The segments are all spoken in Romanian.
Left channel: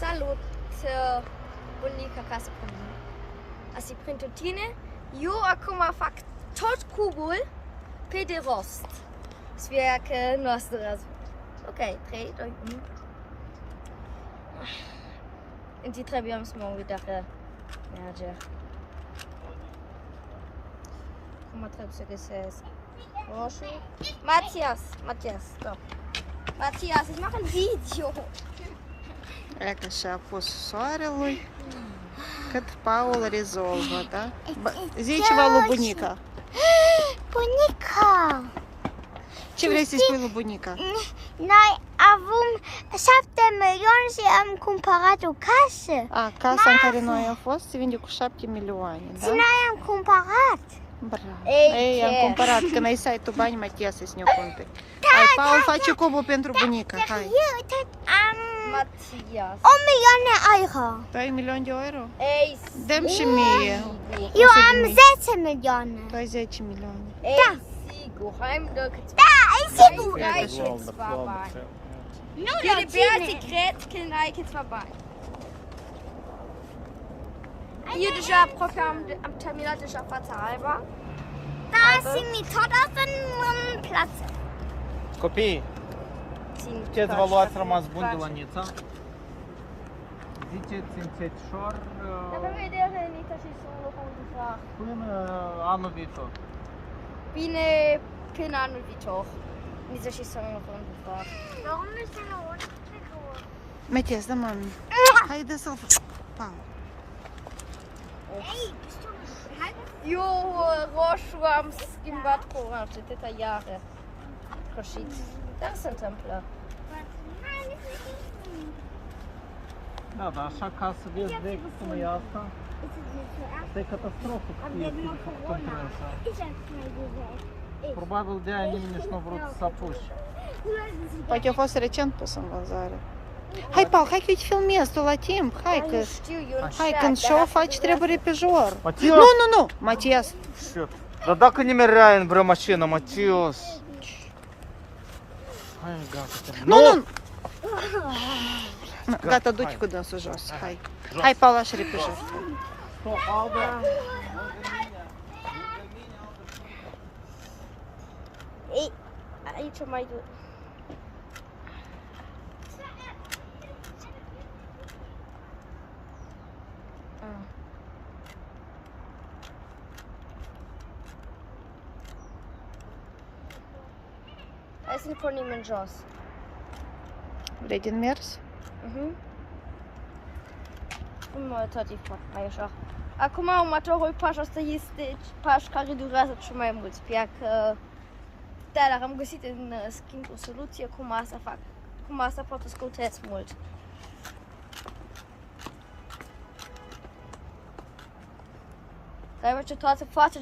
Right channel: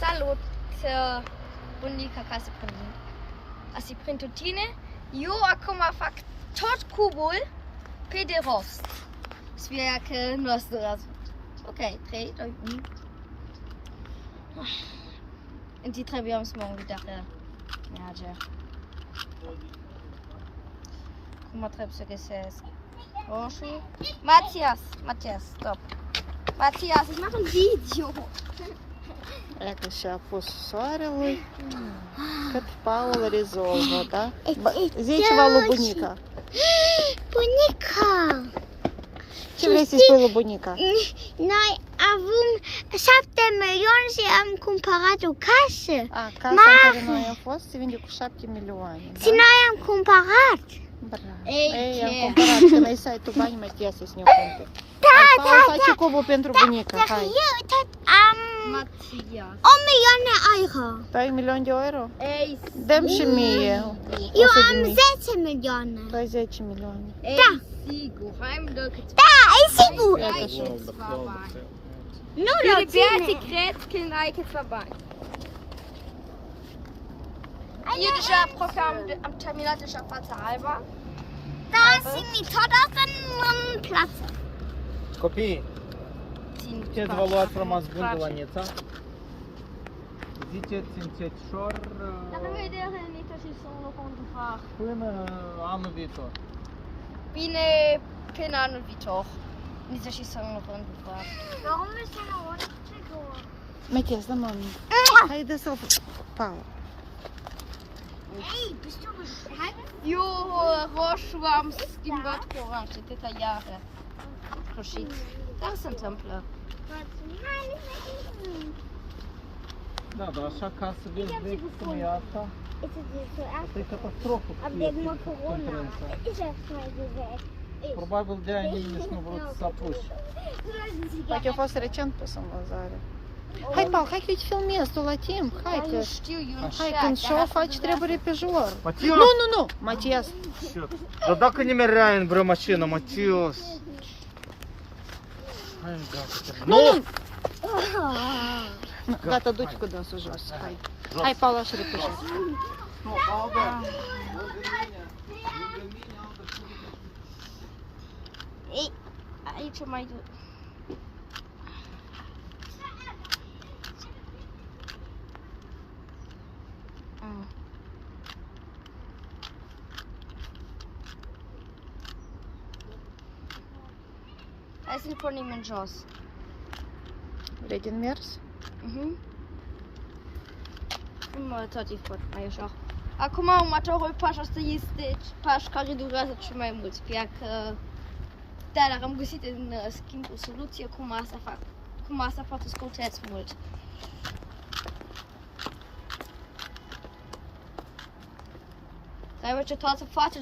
Salut, bunica ca să prind. Asi prind tot tine. Eu acum fac tot cubul pe de rost. Sper că nu o să răzut. Ok, 3, 2, 1. Und die trebuiam să morgen wieder merge. Cum trebuie să găsesc? Roșu. Matthias, stop. Matthias, ich mache ein Video. Eka și a pus soarelui cât Paul rezolvă, da? Zi ceva lui bunica. Bunica! Ce vrei să-i spui lui bunica? Noi avem 7 milioane și am cumpărat o casă. Casa în care noi am fost se vinde cu 7 milioane, da? Și noi am cumpărat. Bravo. Ei, am cumpărat. Când ai să ai tu bani, Matthias să-ți ne cumperi. Hai, Paul face cubul pentru bunica, hai. Eu tot am Matthias. 1 milioane euro. Tu ai 1 milion de euro? Ey, Dăm și mie. Eu 100 de am mii. 10 milioane. Tu ai 10 milioane. Da. Sigur, heimelijk. Da, e sigur. Ja, Kijk dat is eens voorbij. Nu Jullie la beurt tine. cred kijk het voorbij. Hier deja programma am terminat deja fața alba. Da, și mi tot asta în plață. Copii, Țin ce fac, evaluați fac, rămas bun de face. la Nița? Ziceți încetișor Dar vedere nici și să nu fac. până anul viitor. Bine, până anul viitor. Nici și să nu fac. Warum ist deine Hose so? Matthias, da mami. Haide să-l... Paul. Ey, bist du bescheuert? Eu roșu am schimbat cu orange de atâtea iară. Roșit. Dar se întâmplă. Da, dar așa ca să vezi direct cum e asta, Ist es jetzt zuerst? asta e catastrofă. Ab cu jetzt mal Corona. concurența. Ist das mal diese Ecke? Probabil de-aia nimeni nici nu a vrut să apuci. Uite, a fost recent pus în vânzare. Hai, Paul, hai că eu te filmez, tu la timp. Hai că... Nu știu, eu nu Hai, când show faci, trebuie repejor. Matias! Nu, Matias. Dar dacă nimeni în vreo mașină, Matias. Nu. Gata, du-te cu dânsul jos, hai. Hai, Paul, așa repejor. Ei, aici mai du. Hai să ne punem în jos. Vrei din mers? Tot e foarte mai ușor. Acum următorul pas asta este pas care durează cel mai mult. Sper că da, dar am găsit în schimb o soluție cum asta fac. Cum asta poate scurteți mult. Trebuie toată fața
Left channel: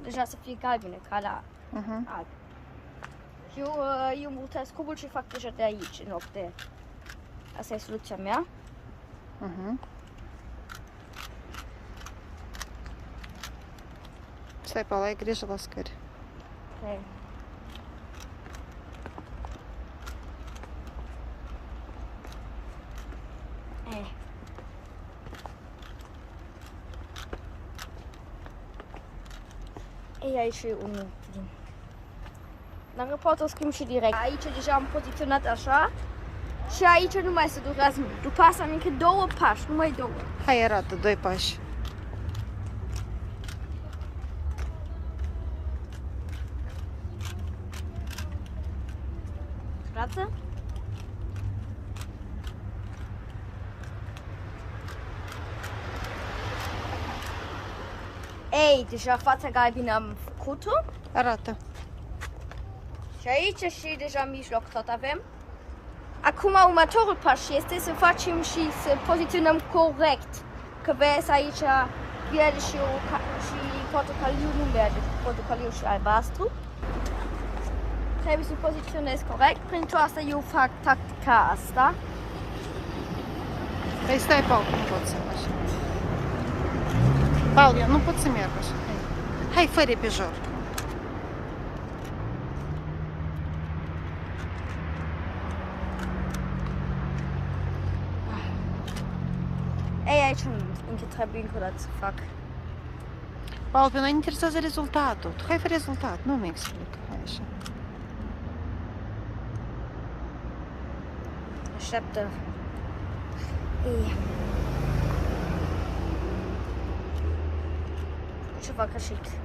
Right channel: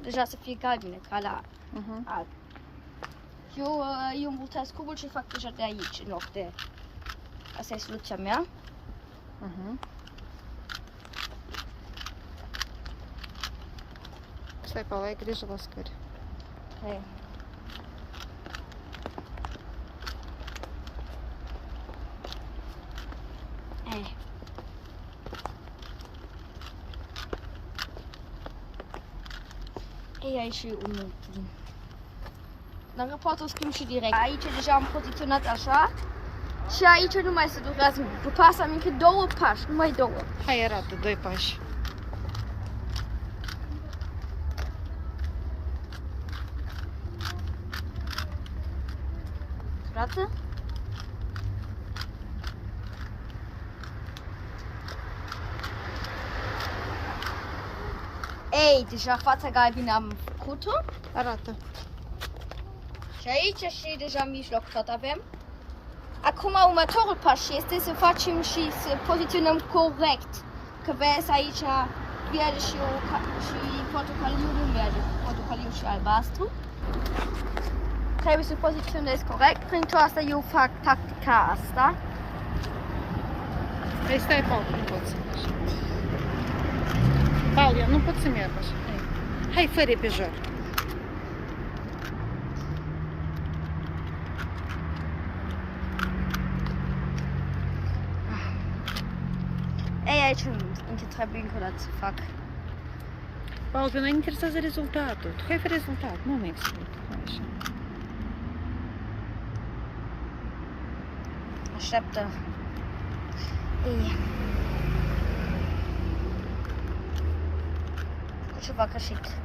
deja să fie galbenă, ca la alb. Eu mutez cubul și fac deja de aici, în loc de... Asta e soluția mea. Stai, Paul, ai grijă la scări. Okay. Ei, aici e unul. Dacă pot o schimb și direct. Aici deja am poziționat așa. Și aici nu mai se durează mult. După asta am încă 2 pași, numai 2. Hai, arată, 2 pași. Arată? Ei, deja fața galbenă am făcut-o. Arată. Și aici și deja în mijloc tot avem. Acum următorul pas este să facem și să poziționăm corect. Că vezi aici verde și portocaliu nu verde, portocaliu și albastru. Trebuie să poziționez corect. Prin tot asta eu fac tactica asta. Păi stai, Paul, nu pot să mergi. Paul, eu nu pot să merg așa. Hai, fă repejor. Ei, aici între tribuncă la ți fac. Paul, pe noi ne interesează rezultatul. Tu hai fă rezultat, nu mi explică. Așa. Așteaptă. Ei. Ce fac greșit?